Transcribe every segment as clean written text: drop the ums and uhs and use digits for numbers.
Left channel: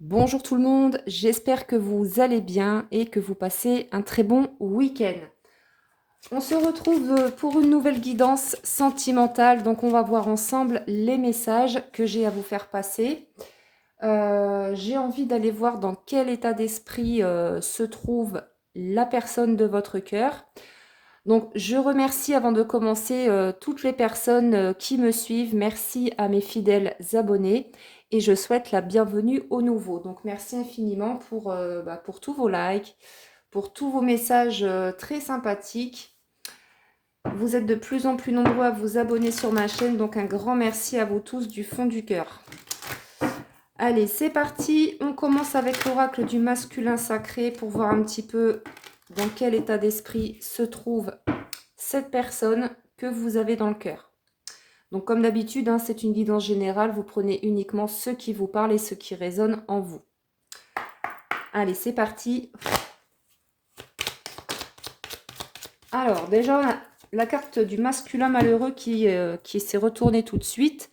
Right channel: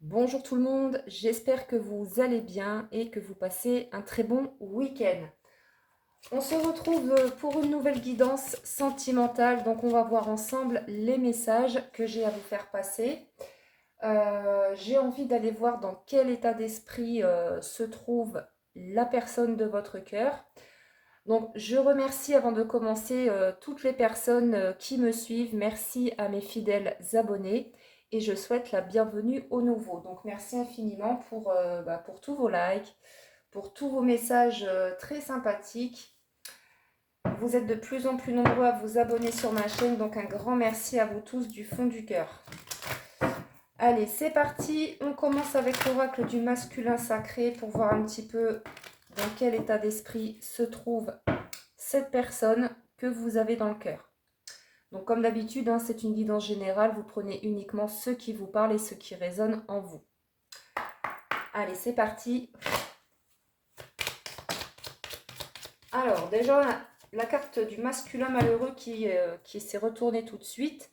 Bonjour tout le monde, j'espère que vous allez bien et que vous passez un très bon week-end. On se retrouve pour une nouvelle guidance sentimentale, donc on va voir ensemble les messages que j'ai à vous faire passer. J'ai envie d'aller voir dans quel état d'esprit se trouve la personne de votre cœur. Donc je remercie avant de commencer toutes les personnes qui me suivent. Merci à mes fidèles abonnés et je souhaite la bienvenue aux nouveaux. Donc merci infiniment pour tous vos likes, pour tous vos messages très sympathiques. Vous êtes de plus en plus nombreux à vous abonner sur ma chaîne, donc un grand merci à vous tous du fond du cœur. Allez, c'est parti. On commence avec l'oracle du masculin sacré pour voir un petit peu dans quel état d'esprit se trouve cette personne que vous avez dans le cœur. Donc comme d'habitude, hein, c'est une guidance générale, vous prenez uniquement ce qui vous parle et ce qui résonne en vous. Allez, c'est parti. Alors déjà, on a la carte du masculin malheureux qui s'est retournée tout de suite.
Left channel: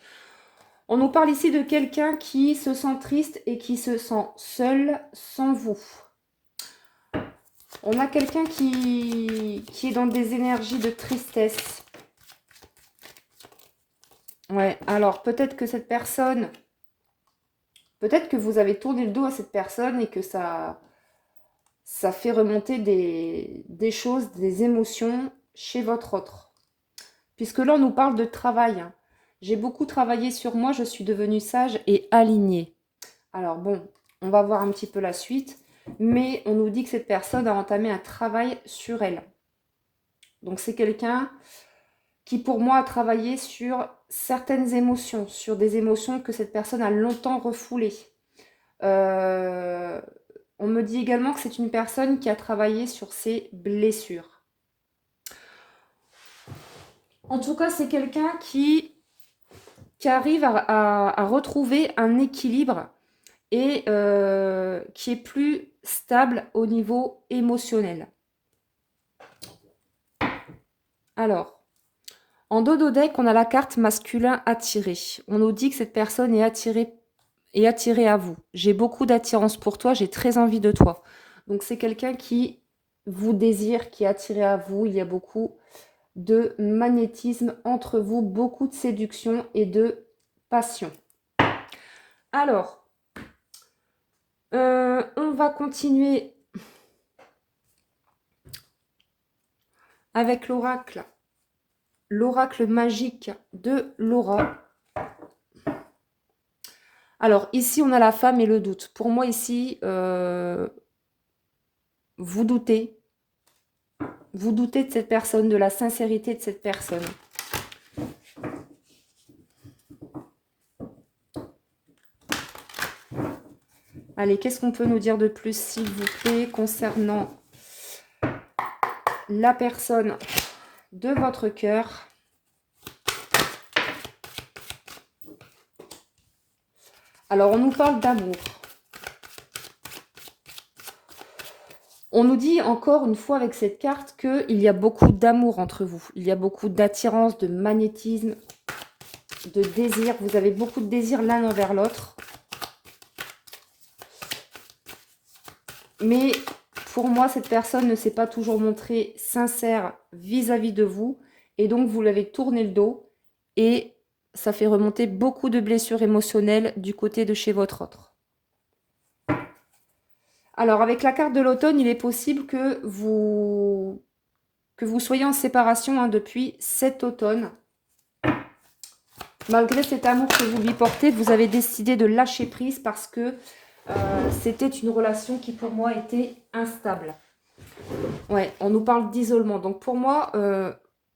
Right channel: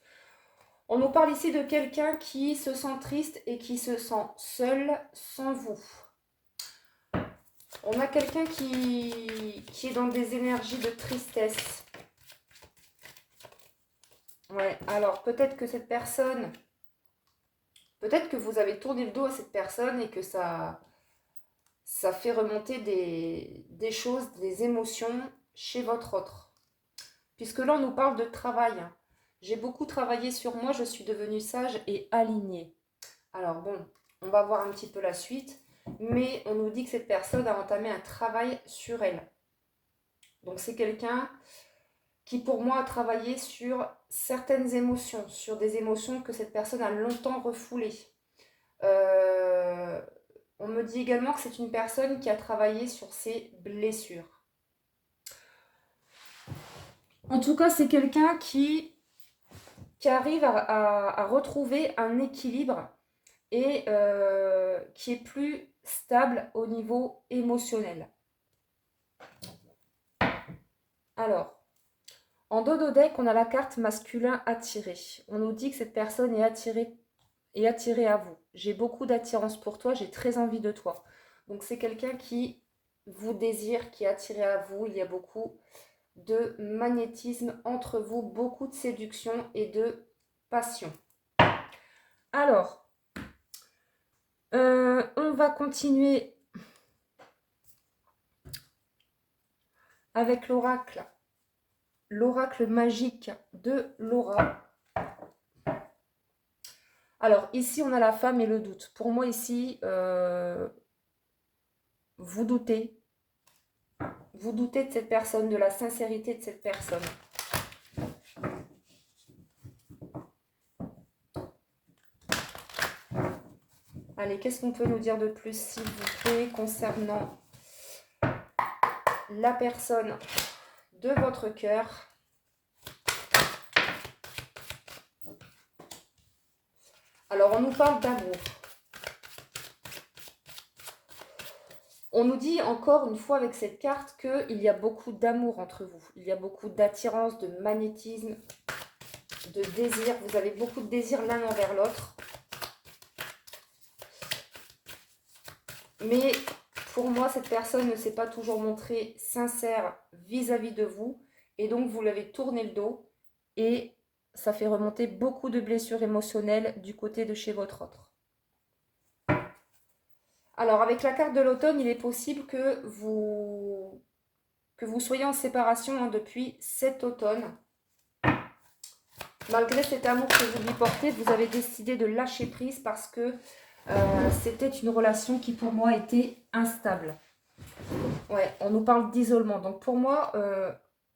On nous parle ici de quelqu'un qui se sent triste et qui se sent seul sans vous. On a quelqu'un qui est dans des énergies de tristesse. Ouais, alors peut-être que cette personne, peut-être que vous avez tourné le dos à cette personne et que ça fait remonter des choses, des émotions chez votre autre. Puisque là, on nous parle de travail. J'ai beaucoup travaillé sur moi, je suis devenue sage et alignée. Alors bon, on va voir un petit peu la suite, mais on nous dit que cette personne a entamé un travail sur elle. Donc c'est quelqu'un qui pour moi a travaillé sur certaines émotions, sur des émotions que cette personne a longtemps refoulées. On me dit également que c'est une personne qui a travaillé sur ses blessures. En tout cas, c'est quelqu'un qui arrive à retrouver un équilibre et qui est plus stable au niveau émotionnel. Alors, en dos de deck, on a la carte masculin attiré. On nous dit que cette personne est attirée à vous. J'ai beaucoup d'attirance pour toi, j'ai très envie de toi. Donc c'est quelqu'un qui vous désire, qui est attiré à vous. Il y a beaucoup de magnétisme entre vous, beaucoup de séduction et de passion. Alors, on va continuer avec l'oracle magique de Laura. Alors ici, on a la femme et le doute. Pour moi, ici, vous doutez. Vous doutez de cette personne, de la sincérité de cette personne. Allez, qu'est-ce qu'on peut nous dire de plus, s'il vous plaît, concernant la personne de votre cœur? Alors, on nous parle d'amour. On nous dit encore une fois avec cette carte qu'il y a beaucoup d'amour entre vous. Il y a beaucoup d'attirance, de magnétisme, de désir. Vous avez beaucoup de désir l'un envers l'autre. Mais pour moi, cette personne ne s'est pas toujours montrée sincère vis-à-vis de vous. Et donc, vous l'avez tourné le dos. Et ça fait remonter beaucoup de blessures émotionnelles du côté de chez votre autre. Alors, avec la carte de l'automne, il est possible que vous soyez en séparation depuis cet automne. Malgré cet amour que vous lui portez, vous avez décidé de lâcher prise parce que c'était une relation qui pour moi était instable. Ouais, on nous parle d'isolement. Donc pour moi,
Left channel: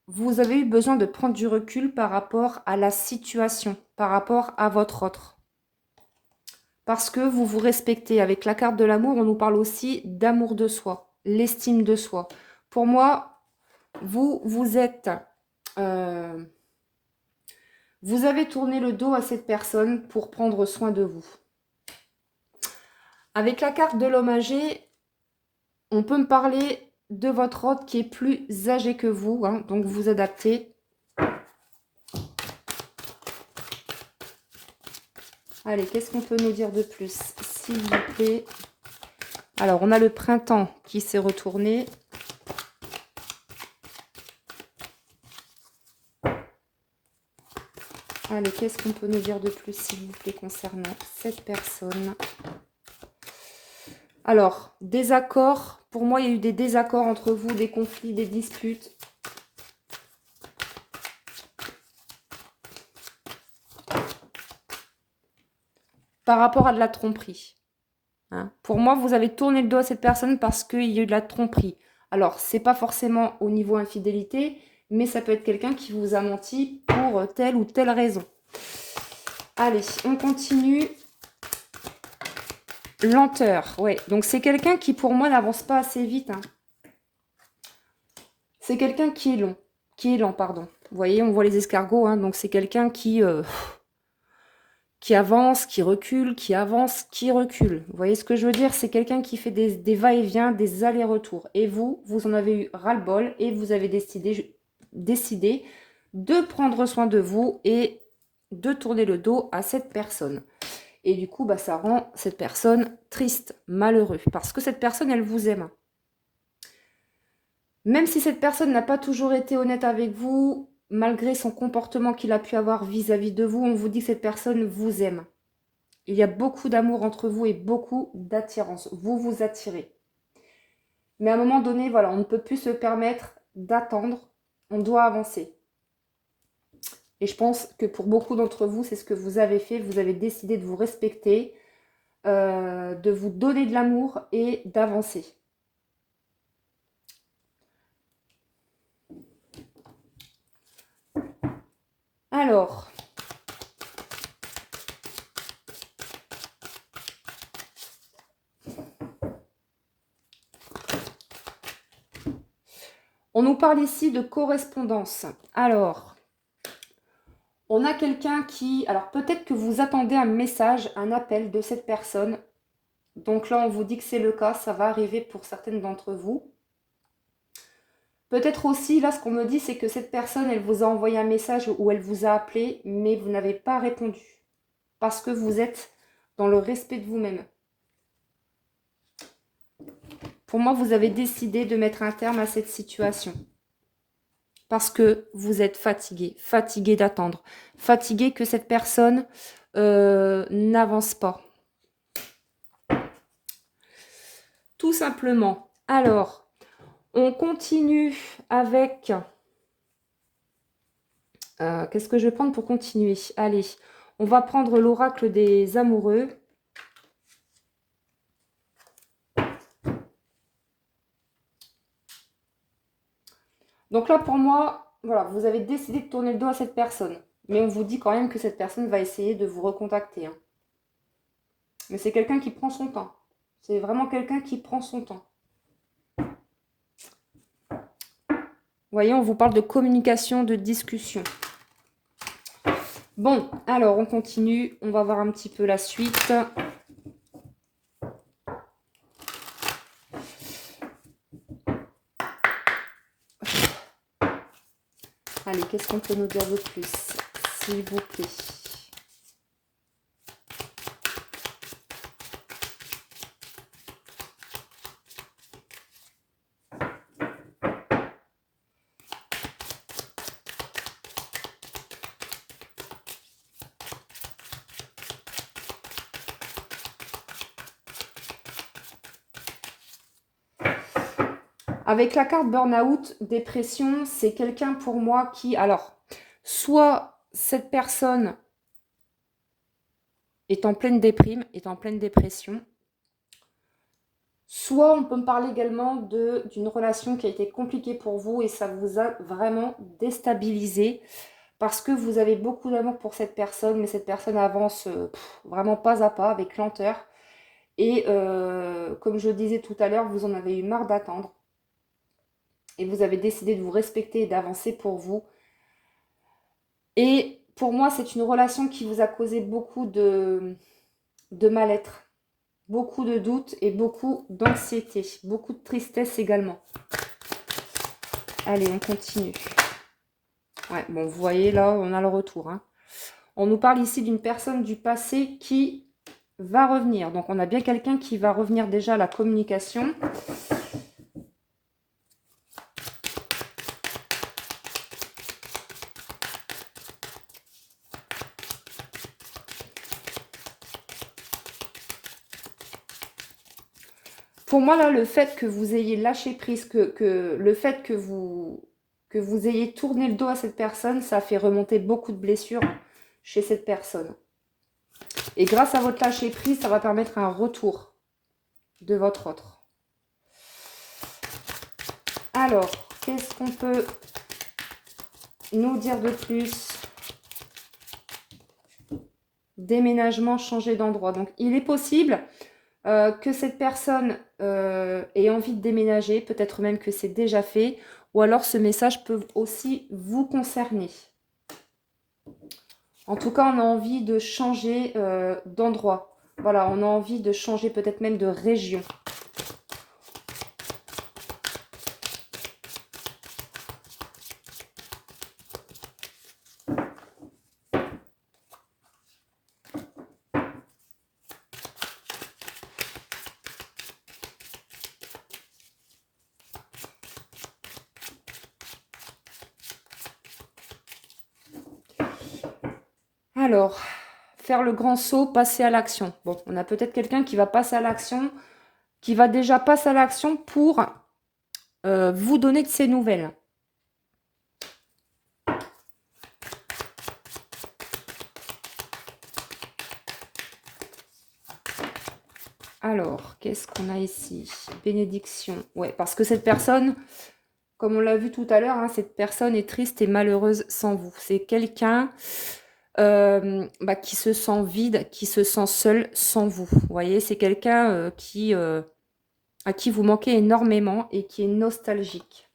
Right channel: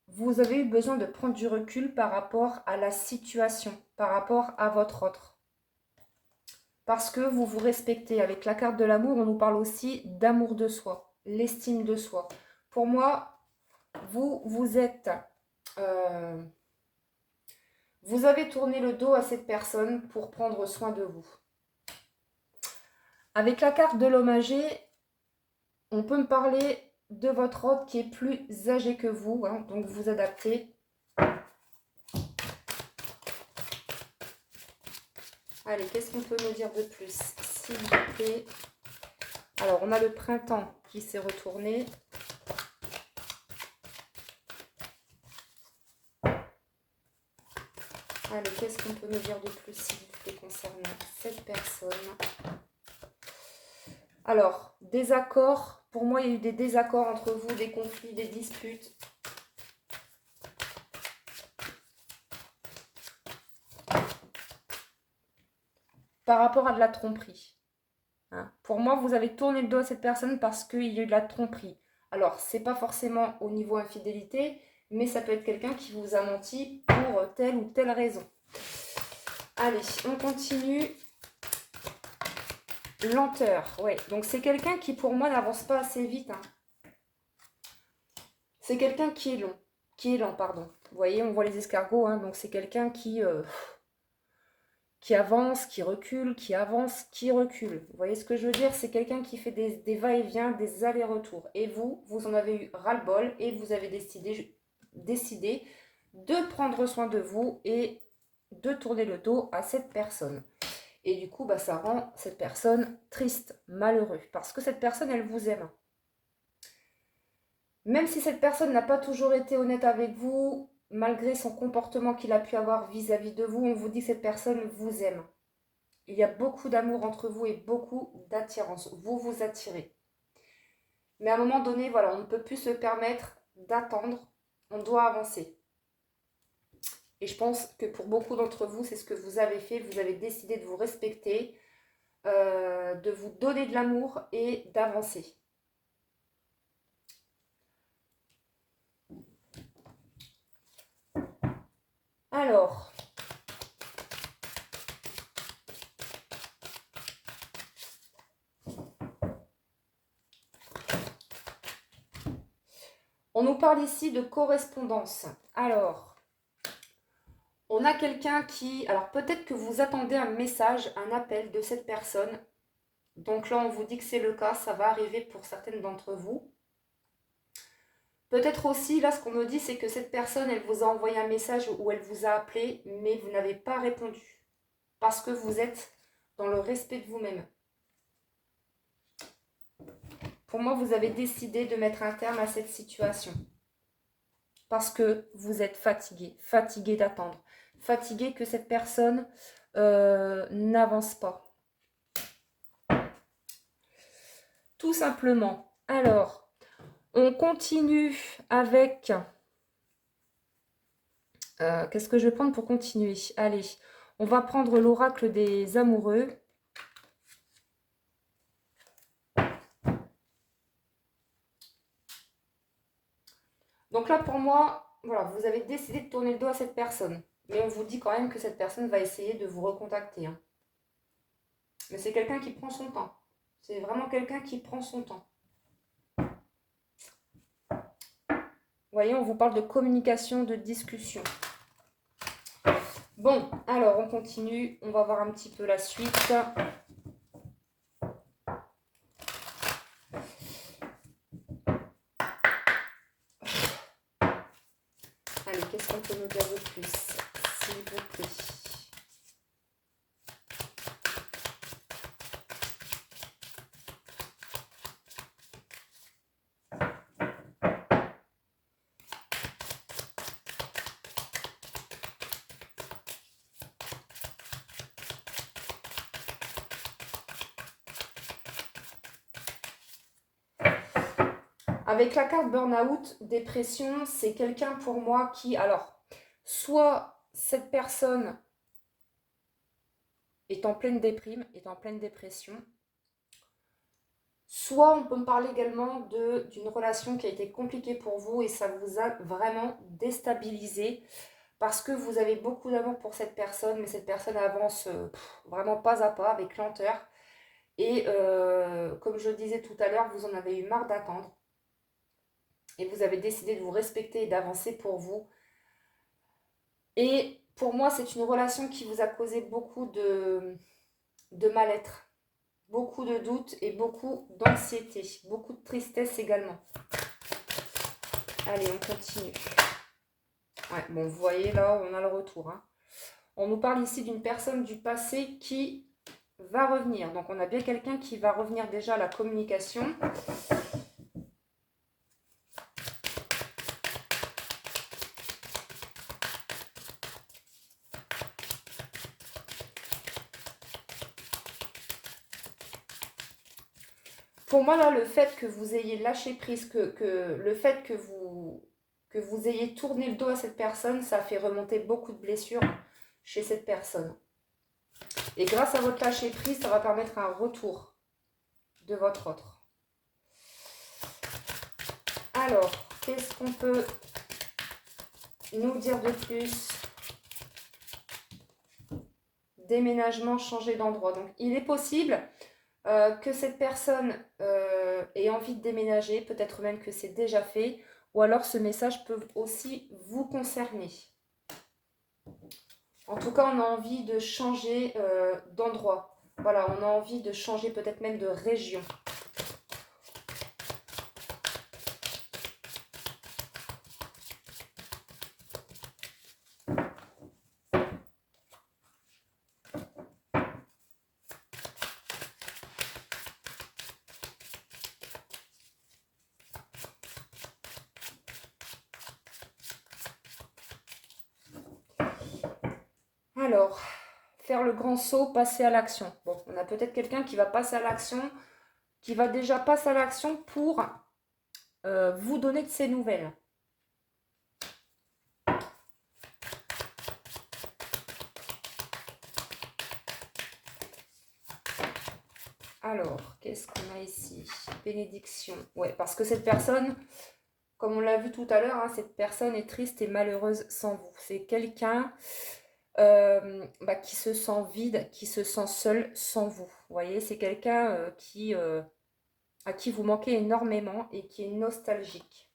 vous avez eu besoin de prendre du recul par rapport à la situation, par rapport à votre autre. Parce que vous vous respectez. Avec la carte de l'amour, on nous parle aussi d'amour de soi, l'estime de soi. Pour moi, vous êtes... vous avez tourné le dos à cette personne pour prendre soin de vous. Avec la carte de l'homme âgé, on peut me parler de votre hôte qui est plus âgé que vous, hein, donc vous adaptez. Allez, qu'est-ce qu'on peut nous dire de plus, s'il vous plaît? Alors, on a le printemps qui s'est retourné. Allez, qu'est-ce qu'on peut nous dire de plus, s'il vous plaît, concernant cette personne? Alors, désaccords. Pour moi, il y a eu des désaccords entre vous, des conflits, des disputes. Par rapport à de la tromperie. Hein. Pour moi, vous avez tourné le dos à cette personne parce qu'il y a eu de la tromperie. Alors, c'est pas forcément au niveau infidélité, mais ça peut être quelqu'un qui vous a menti pour telle ou telle raison. Allez, on continue. Lenteur, ouais. Donc, c'est quelqu'un qui, pour moi, n'avance pas assez vite. Hein. C'est quelqu'un qui est long. Qui est lent, pardon. Vous voyez, on voit les escargots. Hein, donc, c'est quelqu'un qui avance, qui recule, qui avance, qui recule. Vous voyez ce que je veux dire? C'est quelqu'un qui fait des va-et-vient, des allers-retours. Et vous en avez eu ras-le-bol et vous avez décidé de prendre soin de vous et de tourner le dos à cette personne. Et du coup, bah, ça rend cette personne triste, malheureux. Parce que cette personne, elle vous aime. Même si cette personne n'a pas toujours été honnête avec vous, malgré son comportement qu'il a pu avoir vis-à-vis de vous, on vous dit que cette personne vous aime. Il y a beaucoup d'amour entre vous et beaucoup d'attirance. Vous vous attirez. Mais à un moment donné, voilà, on ne peut plus se permettre d'attendre. On doit avancer. Et je pense que pour beaucoup d'entre vous, c'est ce que vous avez fait. Vous avez décidé de vous respecter, de vous donner de l'amour et d'avancer. Alors, on nous parle ici de correspondance. Alors, on a quelqu'un qui... Alors, peut-être que vous attendez un message, un appel de cette personne. Donc là, on vous dit que c'est le cas. Ça va arriver pour certaines d'entre vous. Peut-être aussi, là, ce qu'on me dit, c'est que cette personne, elle vous a envoyé un message ou elle vous a appelé, mais vous n'avez pas répondu. Parce que vous êtes dans le respect de vous-même. Pour moi, vous avez décidé de mettre un terme à cette situation. Parce que vous êtes fatigué. Fatigué d'attendre. Fatigué que cette personne n'avance pas. Tout simplement. Alors, on continue avec... qu'est-ce que je vais prendre pour continuer? Allez, on va prendre l'oracle des amoureux. Donc là, pour moi, voilà, vous avez décidé de tourner le dos à cette personne. Mais on vous dit quand même que cette personne va essayer de vous recontacter. Hein. Mais c'est quelqu'un qui prend son temps. C'est vraiment quelqu'un qui prend son temps. Vous voyez, on vous parle de communication, de discussion. Bon, alors on continue. On va voir un petit peu la suite. Allez, qu'est-ce qu'on peut nous dire de plus, s'il vous plaît? Avec la carte burn-out, dépression, c'est quelqu'un pour moi qui... Alors, soit cette personne est en pleine déprime, est en pleine dépression, soit on peut me parler également d'une relation qui a été compliquée pour vous et ça vous a vraiment déstabilisé parce que vous avez beaucoup d'amour pour cette personne, mais cette personne avance vraiment pas à pas, avec lenteur. Et comme je le disais tout à l'heure, vous en avez eu marre d'attendre. Et vous avez décidé de vous respecter et d'avancer pour vous. Et pour moi, c'est une relation qui vous a causé beaucoup de mal-être, beaucoup de doutes et beaucoup d'anxiété, beaucoup de tristesse également. Allez, on continue. Ouais, bon, vous voyez, là, on a le retour. Hein. On nous parle ici d'une personne du passé qui va revenir. Donc, on a bien quelqu'un qui va revenir déjà à la communication. Pour moi, là, le fait que vous ayez lâché prise, le fait que vous ayez tourné le dos à cette personne, ça fait remonter beaucoup de blessures chez cette personne. Et grâce à votre lâcher prise, ça va permettre un retour de votre autre. Alors, qu'est-ce qu'on peut nous dire de plus? Déménagement, changer d'endroit. Donc, il est possible que cette personne ait envie de déménager, peut-être même que c'est déjà fait, ou alors ce message peut aussi vous concerner. En tout cas, on a envie de changer d'endroit. Voilà, on a envie de changer peut-être même de région. Alors, faire le grand saut, passer à l'action. Bon, on a peut-être quelqu'un qui va passer à l'action, qui va déjà passer à l'action pour vous donner de ses nouvelles. Alors, qu'est-ce qu'on a ici? Bénédiction. Ouais, parce que cette personne, comme on l'a vu tout à l'heure, hein, cette personne est triste et malheureuse sans vous. C'est quelqu'un qui se sent vide, qui se sent seul sans vous. Vous voyez, c'est quelqu'un à qui vous manquez énormément et qui est nostalgique.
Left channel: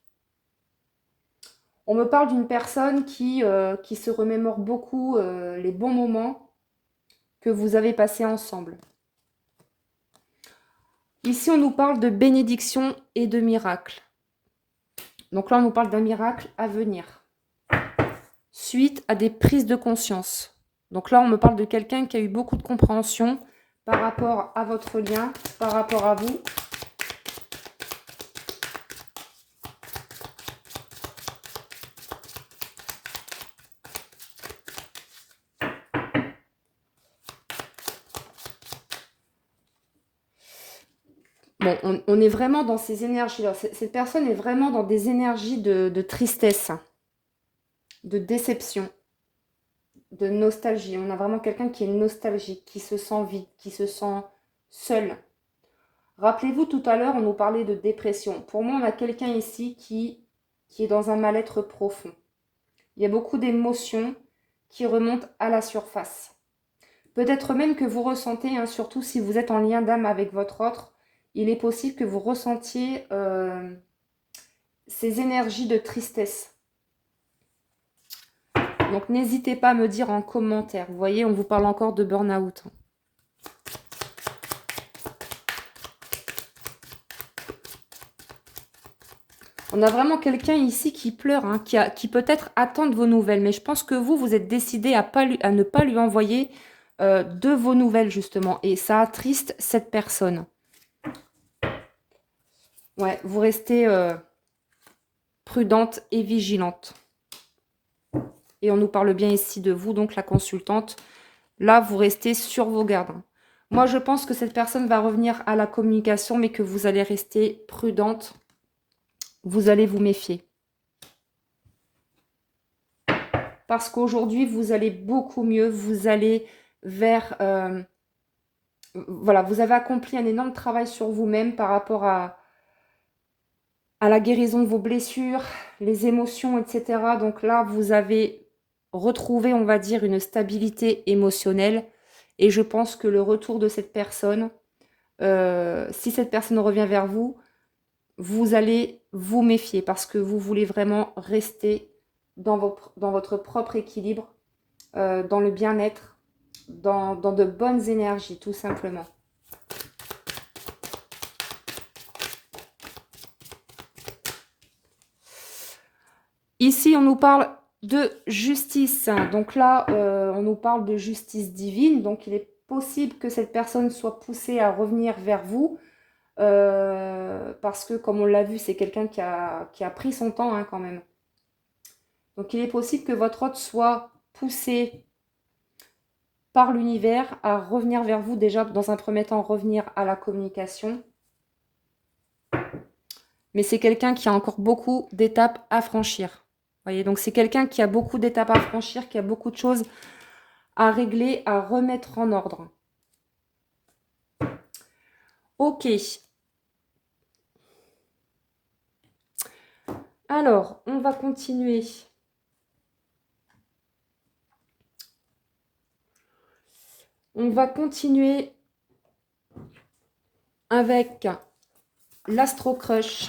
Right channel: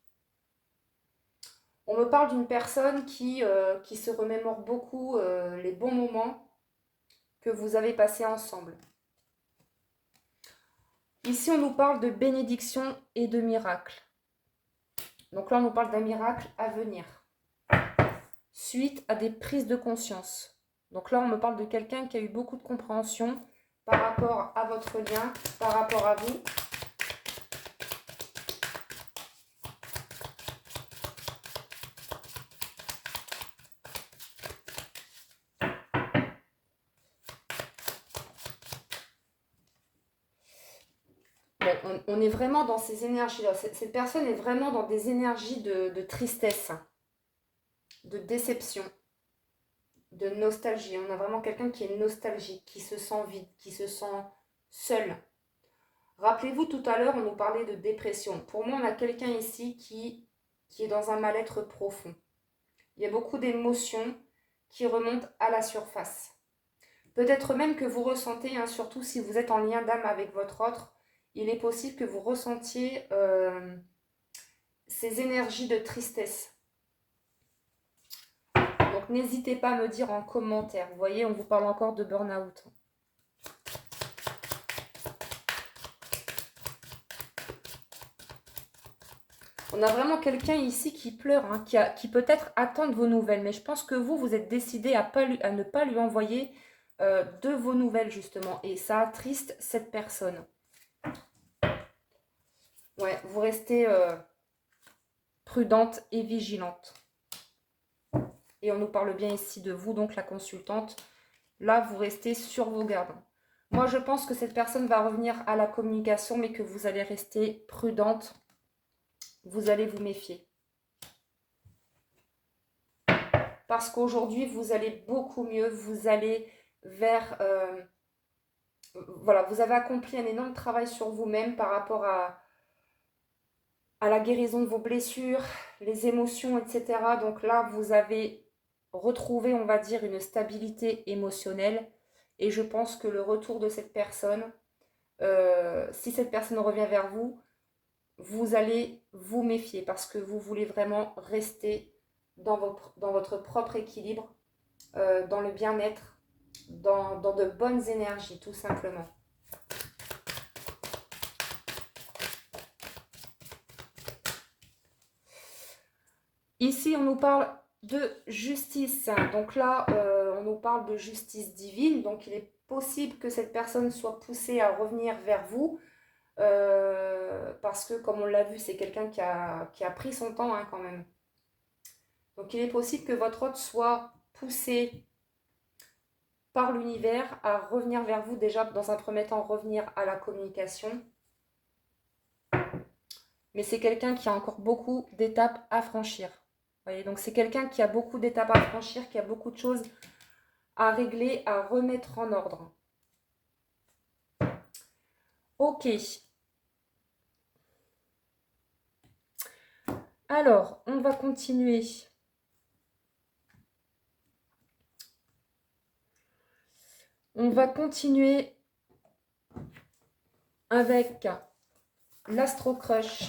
On me parle d'une personne qui se remémore beaucoup les bons moments que vous avez passés ensemble. Ici, on nous parle de bénédiction et de miracle. Donc là, on nous parle d'un miracle à venir. Suite à des prises de conscience. Donc là, on me parle de quelqu'un qui a eu beaucoup de compréhension par rapport à votre lien, par rapport à vous. Bon, on est vraiment dans ces énergies-là. Cette personne est vraiment dans des énergies de tristesse, de déception, de nostalgie. On a vraiment quelqu'un qui est nostalgique, qui se sent vide, qui se sent seul. Rappelez-vous, tout à l'heure, on nous parlait de dépression. Pour moi, on a quelqu'un ici qui est dans un mal-être profond. Il y a beaucoup d'émotions qui remontent à la surface. Peut-être même que vous ressentez, hein, surtout si vous êtes en lien d'âme avec votre autre, il est possible que vous ressentiez ces énergies de tristesse. Donc n'hésitez pas à me dire en commentaire. Vous voyez, on vous parle encore de burn-out. On a vraiment quelqu'un ici qui pleure, hein, qui peut-être attend de vos nouvelles. Mais je pense que vous êtes décidé à ne pas lui envoyer de vos nouvelles, justement. Et ça attriste cette personne. Ouais, vous restez prudente et vigilante. Et on nous parle bien ici de vous, donc la consultante. Là, vous restez sur vos gardes. Moi, je pense que cette personne va revenir à la communication, mais que vous allez rester prudente. Vous allez vous méfier. Parce qu'aujourd'hui, vous allez beaucoup mieux. Vous allez vers... voilà, vous avez accompli un énorme travail sur vous-même par rapport à la guérison de vos blessures, les émotions, etc. Donc là, vous avez retrouvé, on va dire, une stabilité émotionnelle. Et je pense que le retour de cette personne, si cette personne revient vers vous, vous allez vous méfier parce que vous voulez vraiment rester dans votre propre équilibre, dans le bien-être, dans de bonnes énergies, tout simplement. Ici, on nous parle de justice. Donc là, on nous parle de justice divine, donc il est possible que cette personne soit poussée à revenir vers vous, parce que comme on l'a vu, c'est quelqu'un qui a pris son temps hein, quand même. Donc il est possible que votre hôte soit poussé par l'univers à revenir vers vous, déjà dans un premier temps revenir à la communication. Mais c'est quelqu'un qui a encore beaucoup d'étapes à franchir. Voyez, donc c'est quelqu'un qui a beaucoup d'étapes à franchir, qui a beaucoup de choses à régler, à remettre en ordre. Ok. Alors, on va continuer. On va continuer avec l'Astro Crush.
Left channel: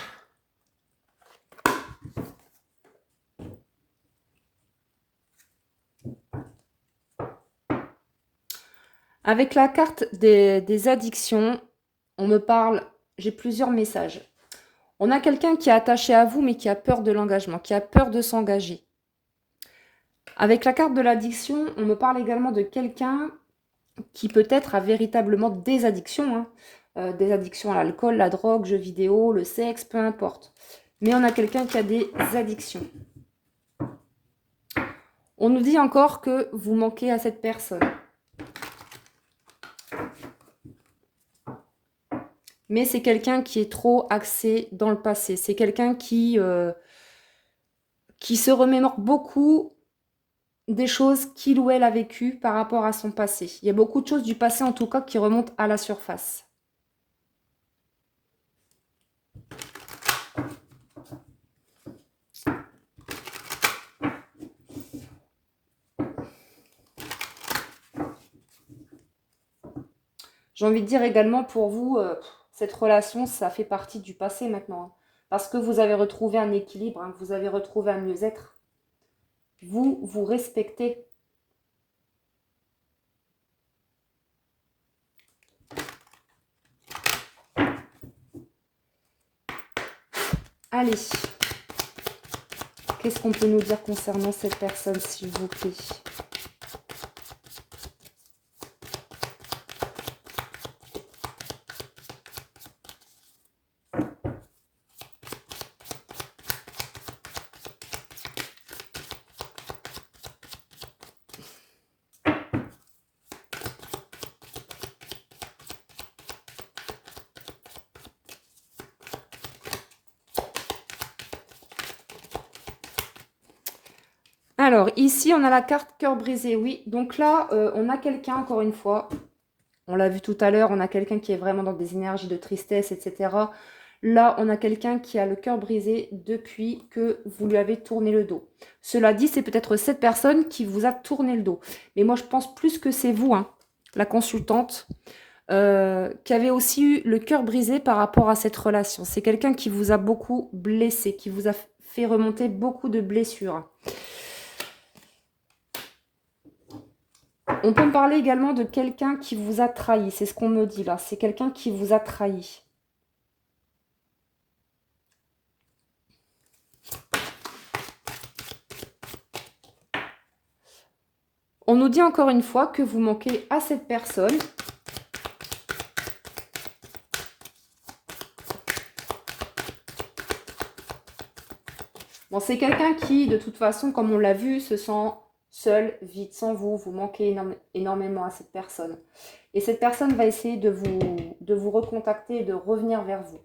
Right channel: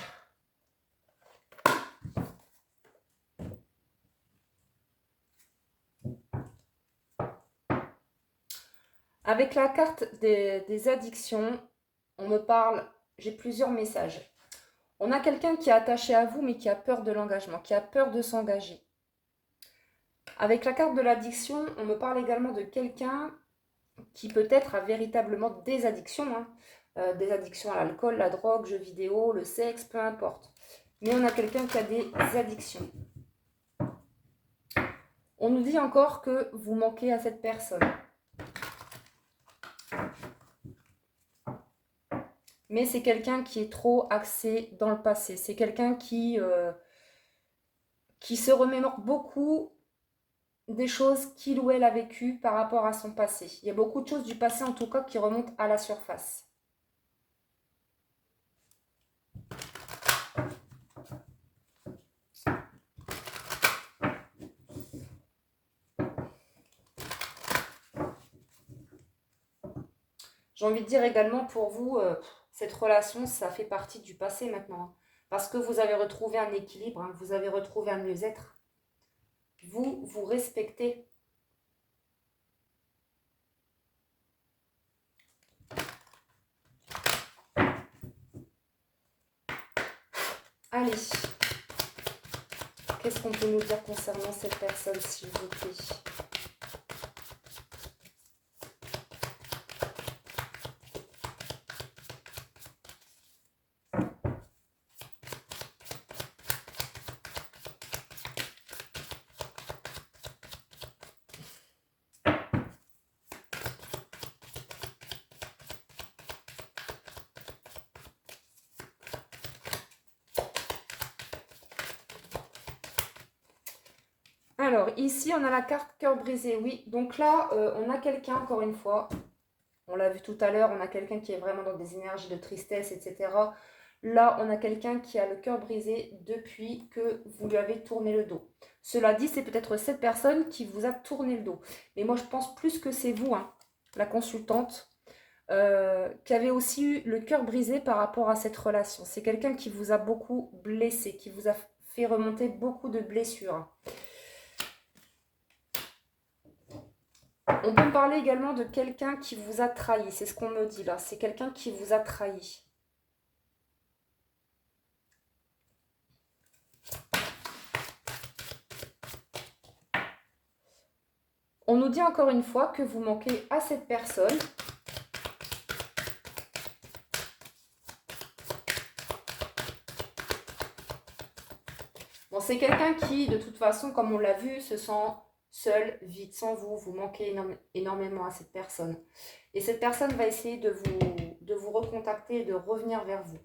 Avec la carte des addictions, on me parle, j'ai plusieurs messages. On a quelqu'un qui est attaché à vous, mais qui a peur de l'engagement, qui a peur de s'engager. Avec la carte de l'addiction, on me parle également de quelqu'un qui peut-être a véritablement des addictions. Hein. Des addictions à l'alcool, la drogue, jeux vidéo, le sexe, peu importe. Mais on a quelqu'un qui a des addictions. On nous dit encore que vous manquez à cette personne. Mais c'est quelqu'un qui est trop axé dans le passé. C'est quelqu'un qui se remémore beaucoup des choses qu'il ou elle a vécues par rapport à son passé. Il y a beaucoup de choses du passé, en tout cas, qui remontent à la surface. J'ai envie de dire également pour vous, cette relation, ça fait partie du passé maintenant. Hein. Parce que vous avez retrouvé un équilibre, hein, vous avez retrouvé un mieux-être. Vous, vous respectez. Allez. Qu'est-ce qu'on peut nous dire concernant cette personne, s'il vous plaît ? Alors, ici, on a la carte cœur brisé, oui. Donc là, on a quelqu'un, encore une fois, on l'a vu tout à l'heure, on a quelqu'un qui est vraiment dans des énergies de tristesse, etc. Là, on a quelqu'un qui a le cœur brisé depuis que vous lui avez tourné le dos. Cela dit, c'est peut-être cette personne qui vous a tourné le dos. Mais moi, je pense plus que c'est vous, hein, la consultante, qui avait aussi eu le cœur brisé par rapport à cette relation. C'est quelqu'un qui vous a beaucoup blessé, qui vous a fait remonter beaucoup de blessures. On peut me parler également de quelqu'un qui vous a trahi. C'est ce qu'on me dit là. C'est quelqu'un qui vous a trahi. On nous dit encore une fois que vous manquez à cette personne. Bon, c'est quelqu'un qui, de toute façon, comme on l'a vu, se sent seul, vide, sans vous. Vous manquez énormément à cette personne. Et cette personne va essayer de vous recontacter et de revenir vers vous.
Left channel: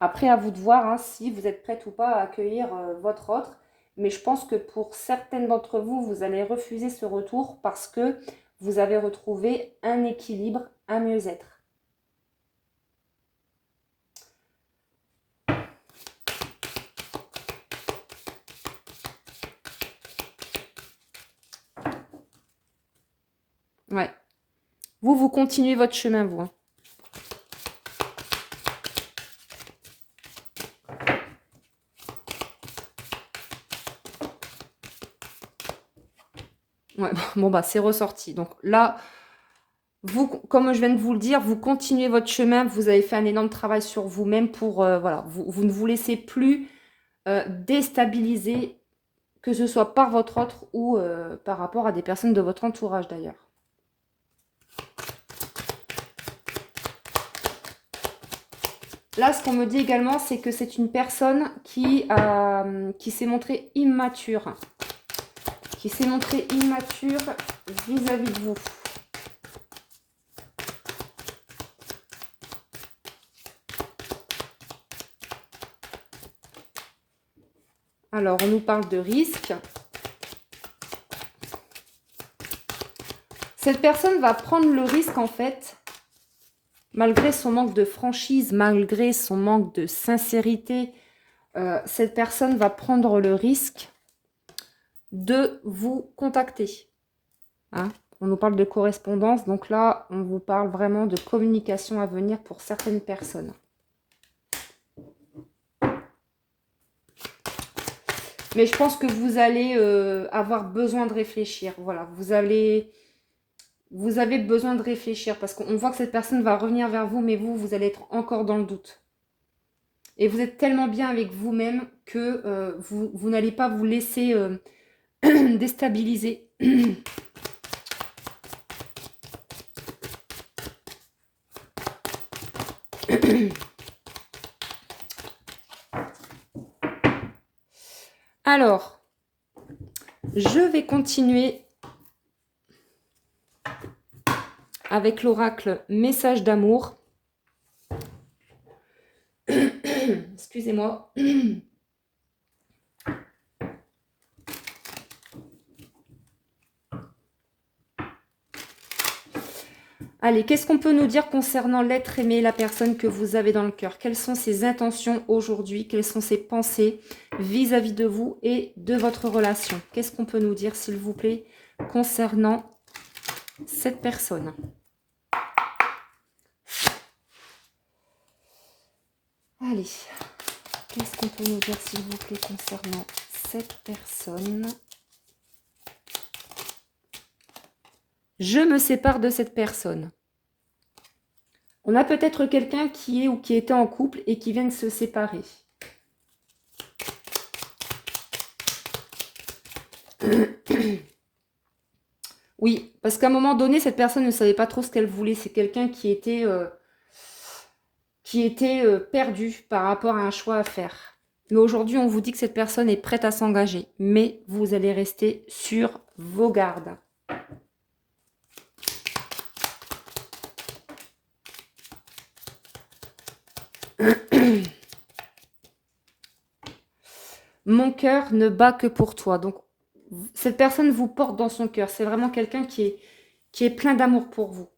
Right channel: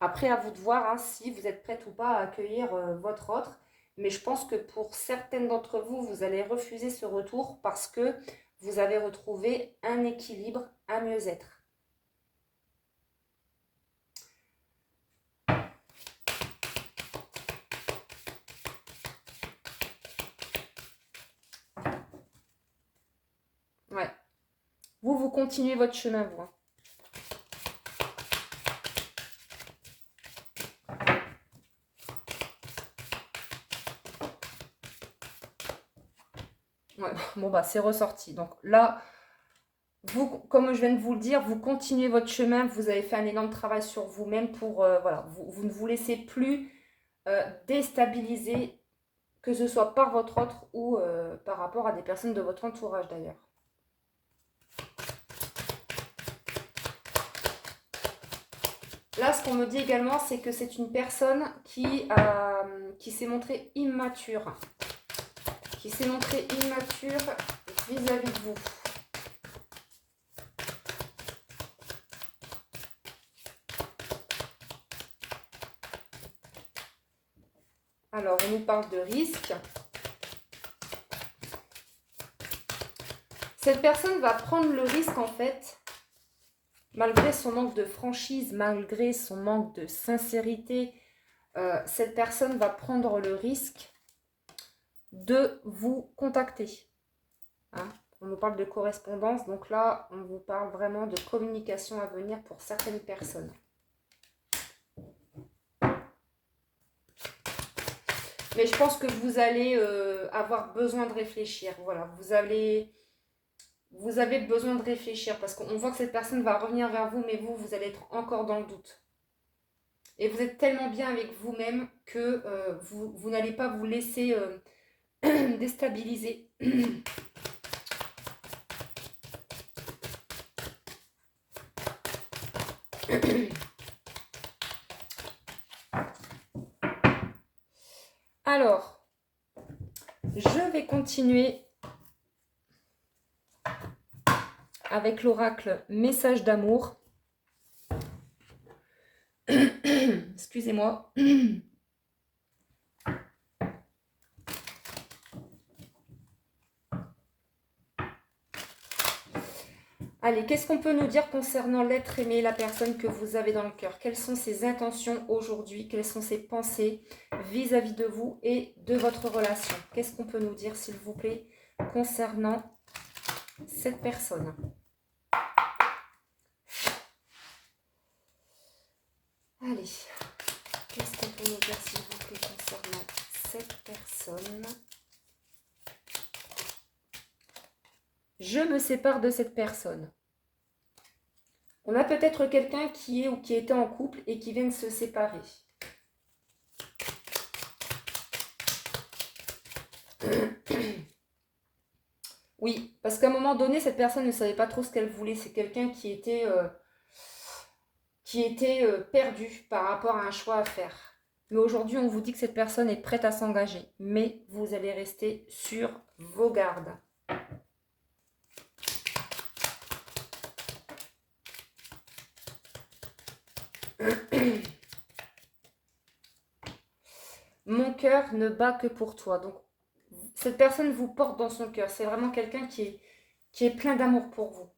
Après, à vous de voir hein, si vous êtes prête ou pas à accueillir votre autre. Mais je pense que pour certaines d'entre vous, vous allez refuser ce retour parce que vous avez retrouvé un équilibre, un mieux-être. Ouais. Vous continuez votre chemin, vous. Hein. Ouais, bon, bah, c'est ressorti. Donc là, vous, comme je viens de vous le dire, vous continuez votre chemin. Vous avez fait un énorme travail sur vous-même pour, voilà, vous ne vous laissez plus déstabiliser que ce soit par votre autre ou par rapport à des personnes de votre entourage d'ailleurs. Là, ce qu'on me dit également, c'est que c'est une personne qui s'est montrée immature. Qui s'est montrée immature vis-à-vis de vous. Alors, on nous parle de risque. Cette personne va prendre le risque, en fait, malgré son manque de franchise, malgré son manque de sincérité, cette personne va prendre le risque de vous contacter. Hein? On nous parle de correspondance, donc là, on vous parle vraiment de communication à venir pour certaines personnes. Mais je pense que vous allez avoir besoin de réfléchir. Voilà, vous avez besoin de réfléchir parce qu'on voit que cette personne va revenir vers vous, mais vous allez être encore dans le doute. Et vous êtes tellement bien avec vous-même que vous n'allez pas vous laisser déstabiliser. Alors, je vais continuer avec l'oracle message d'amour. Excusez-moi. Allez, qu'est-ce qu'on peut nous dire concernant l'être aimé, la personne que vous avez dans le cœur? Quelles sont ses intentions aujourd'hui? Quelles sont ses pensées vis-à-vis de vous et de votre relation? Qu'est-ce qu'on peut nous dire, s'il vous plaît, concernant cette personne? Allez, qu'est-ce qu'on peut nous dire, s'il vous plaît, concernant cette personne? Je me sépare de cette personne. On a peut-être quelqu'un qui est ou qui était en couple et qui vient de se séparer. Oui, parce qu'à un moment donné, cette personne ne savait pas trop ce qu'elle voulait. C'est quelqu'un qui était perdu par rapport à un choix à faire. Mais aujourd'hui, on vous dit que cette personne est prête à s'engager. Mais vous allez rester sur vos gardes. Mon cœur ne bat que pour toi. Donc, cette personne vous porte dans son cœur. C'est vraiment quelqu'un qui est plein d'amour pour vous.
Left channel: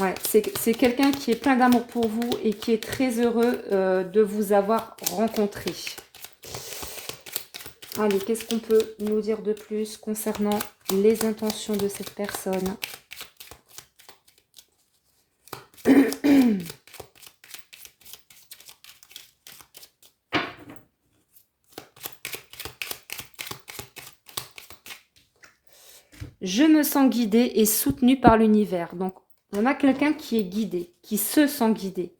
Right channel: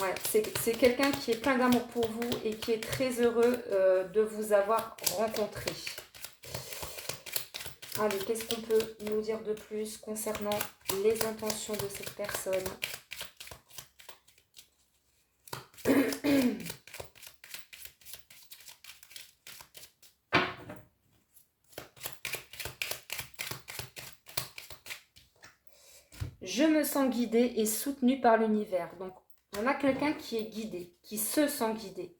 Ouais, c'est quelqu'un qui est plein d'amour pour vous et qui est très heureux de vous avoir rencontré. Allez, qu'est-ce qu'on peut nous dire de plus concernant les intentions de cette personne? Je me sens guidée et soutenue par l'univers. Donc, on a quelqu'un qui est guidé, qui se sent guidé.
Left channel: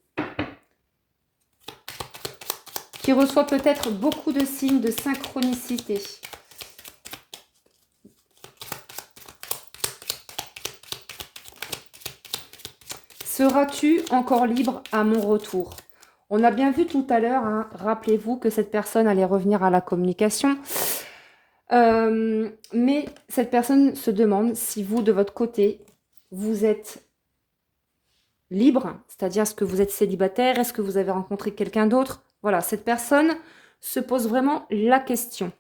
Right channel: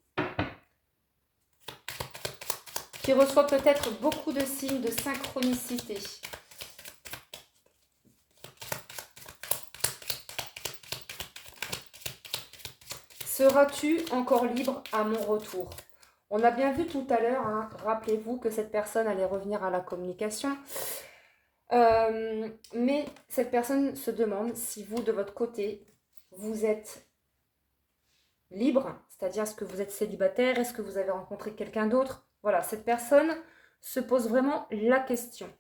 Qui reçoit peut-être beaucoup de signes de synchronicité. Seras-tu encore libre à mon retour? On a bien vu tout à l'heure, hein, rappelez-vous que cette personne allait revenir à la communication. Mais cette personne se demande si vous, de votre côté, vous êtes libre, c'est-à-dire est-ce que vous êtes célibataire, est-ce que vous avez rencontré quelqu'un d'autre? Voilà, cette personne se pose vraiment la question.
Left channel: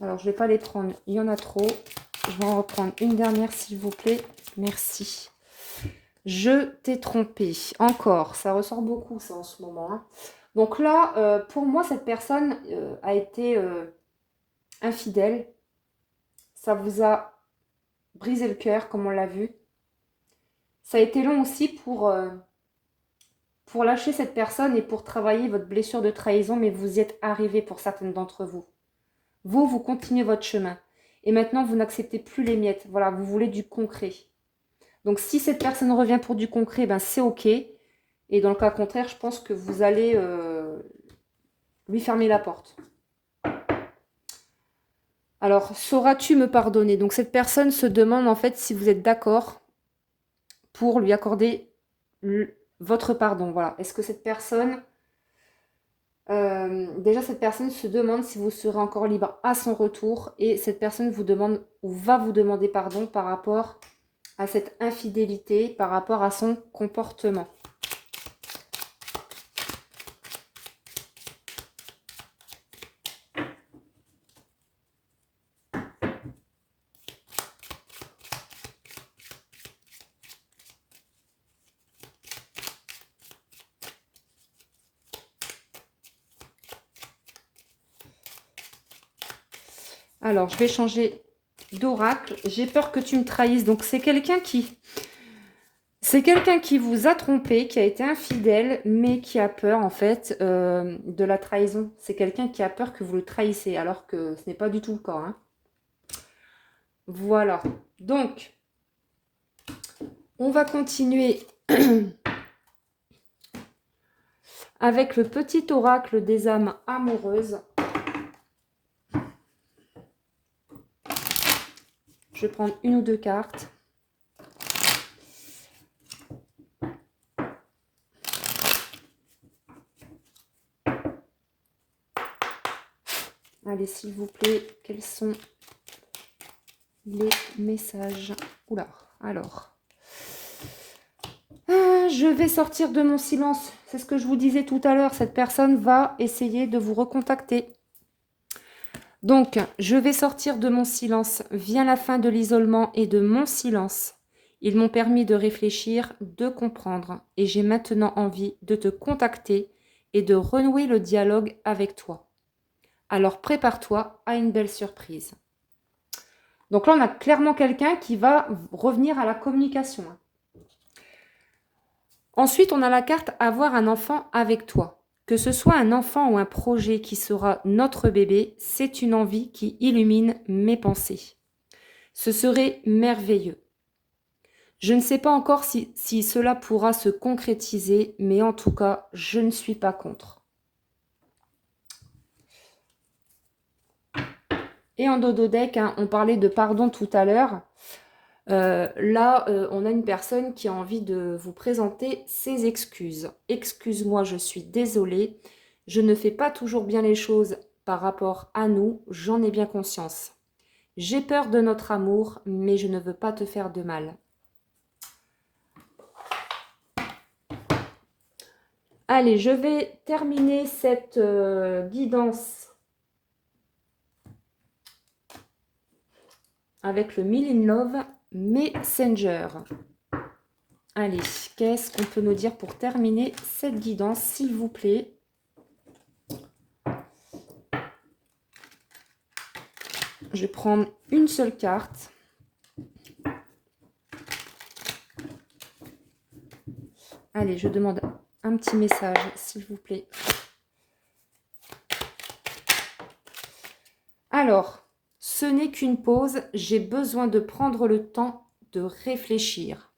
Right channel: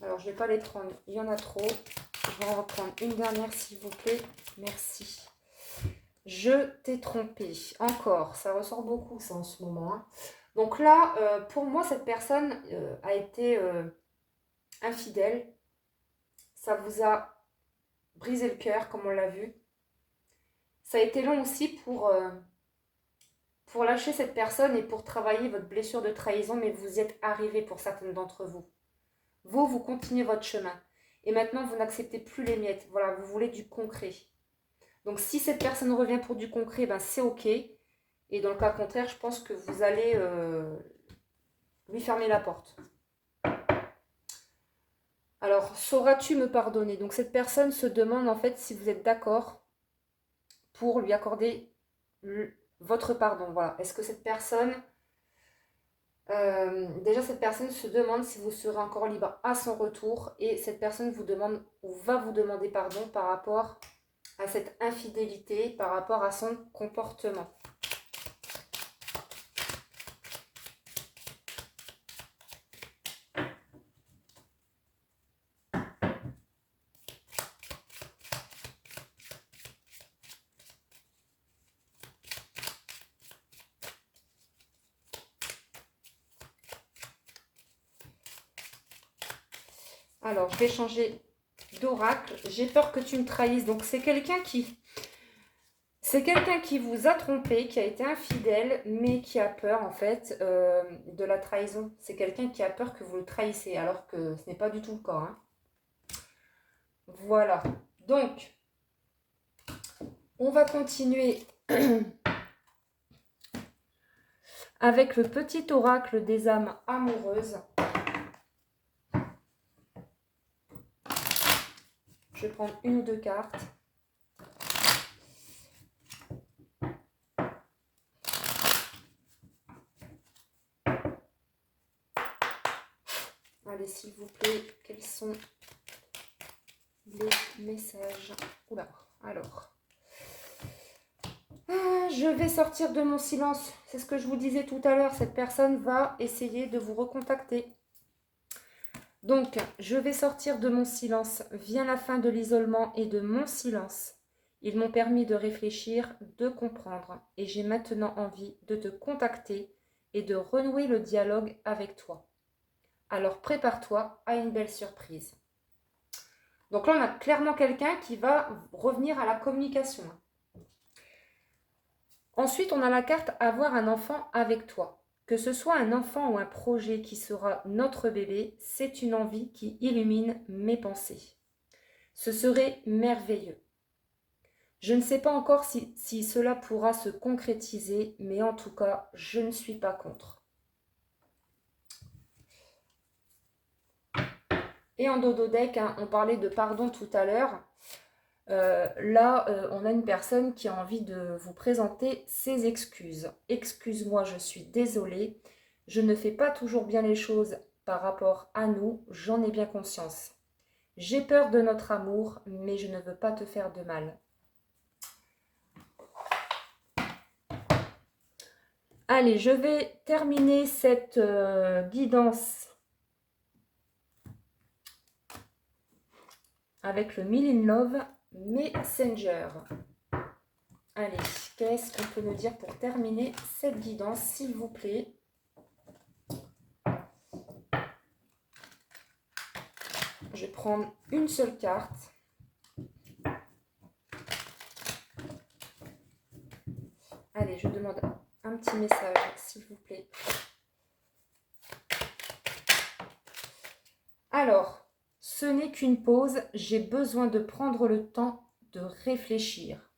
Alors, je ne vais pas les prendre, il y en a trop. Je vais en reprendre une dernière, s'il vous plaît. Merci. Je t'ai trompé. Encore, ça ressort beaucoup, ça, en ce moment. Hein. Donc là, pour moi, cette personne a été infidèle. Ça vous a brisé le cœur, comme on l'a vu. Ça a été long aussi pour lâcher cette personne et pour travailler votre blessure de trahison, mais vous y êtes arrivé pour certaines d'entre vous. Vous continuez votre chemin. et maintenant vous n'acceptez plus les miettes. Voilà, vous voulez du concret. Donc si cette personne revient pour du concret, ben c'est ok. Et dans le cas contraire, je pense que vous allez lui fermer la porte. Alors, sauras-tu me pardonner? Donc cette personne se demande en fait si vous êtes d'accord pour lui accorder votre pardon. Voilà. Est-ce que cette personne... déjà, cette personne se demande si vous serez encore libre à son retour. Et cette personne vous demande ou va vous demander pardon par rapport à cette infidélité, par rapport à son comportement. Alors, je vais changer d'oracle. J'ai peur que tu me trahisses. Donc, c'est quelqu'un qui... C'est quelqu'un qui vous a trompé, qui a été infidèle, mais qui a peur, en fait, de la trahison. C'est quelqu'un qui a peur que vous le trahissez, alors que ce n'est pas du tout le cas. Hein. Voilà. Donc, on va continuer avec le petit oracle des âmes amoureuses. Je vais prendre une ou deux cartes. Allez, s'il vous plaît, quels sont les messages? Oula, alors. Je vais sortir de mon silence. C'est ce que je vous disais tout à l'heure. Cette personne va essayer de vous recontacter. Donc, je vais sortir de mon silence. Vient la fin de l'isolement et de mon silence. Ils m'ont permis de réfléchir, de comprendre. Et j'ai maintenant envie de te contacter et de renouer le dialogue avec toi. Alors, prépare-toi à une belle surprise. Donc là, on a clairement quelqu'un qui va revenir à la communication. Ensuite, on a la carte « Avoir un enfant avec toi ». Que ce soit un enfant ou un projet qui sera notre bébé, c'est une envie qui illumine mes pensées. Ce serait merveilleux. Je ne sais pas encore si cela pourra se concrétiser, mais en tout cas, je ne suis pas contre. Et en dodo deck, hein, on parlait de pardon tout à l'heure. Là, on a une personne qui a envie de vous présenter ses excuses. Excuse-moi, je suis désolée. Je ne fais pas toujours bien les choses par rapport à nous. J'en ai bien conscience. J'ai peur de notre amour, mais je ne veux pas te faire de mal. Allez, je vais terminer cette guidance avec le Mill in Love Messenger. Allez, qu'est-ce qu'on peut nous dire pour terminer cette guidance, s'il vous plaît? Je vais prendre une seule carte. Allez, je demande un petit message, s'il vous plaît. Alors, ce n'est qu'une pause. J'ai besoin de prendre le temps de réfléchir.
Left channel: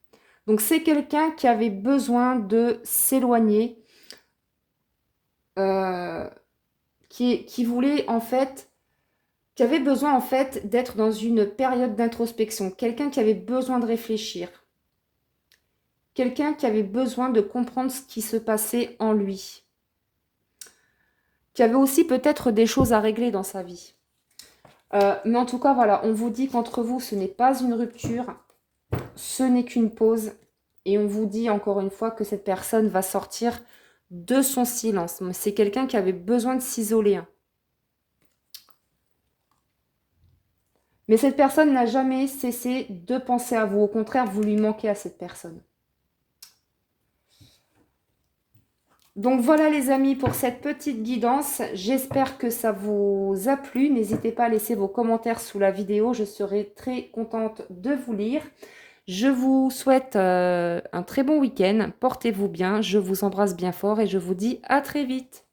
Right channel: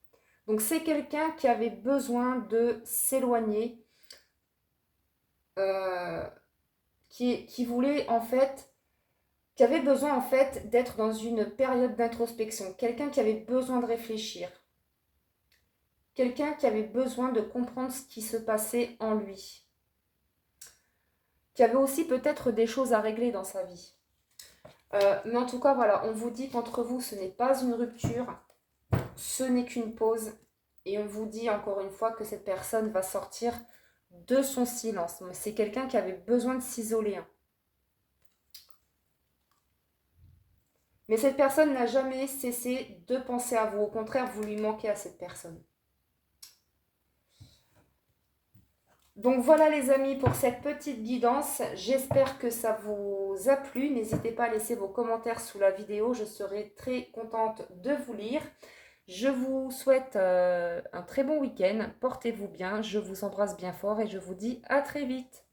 Donc, c'est quelqu'un qui avait besoin de s'éloigner, qui voulait en fait, qui avait besoin en fait d'être dans une période d'introspection. Quelqu'un qui avait besoin de réfléchir. Quelqu'un qui avait besoin de comprendre ce qui se passait en lui. Qui avait aussi peut-être des choses à régler dans sa vie. Mais en tout cas, voilà, on vous dit qu'entre vous, ce n'est pas une rupture, ce n'est qu'une pause. Et on vous dit encore une fois que cette personne va sortir de son silence. C'est quelqu'un qui avait besoin de s'isoler. Hein. Mais cette personne n'a jamais cessé de penser à vous. Au contraire, vous lui manquez à cette personne. Donc voilà les amis pour cette petite guidance. J'espère que ça vous a plu. N'hésitez pas à laisser vos commentaires sous la vidéo. Je serai très contente de vous lire. Je vous souhaite un très bon week-end. Portez-vous bien. Je vous embrasse bien fort et je vous dis à très vite.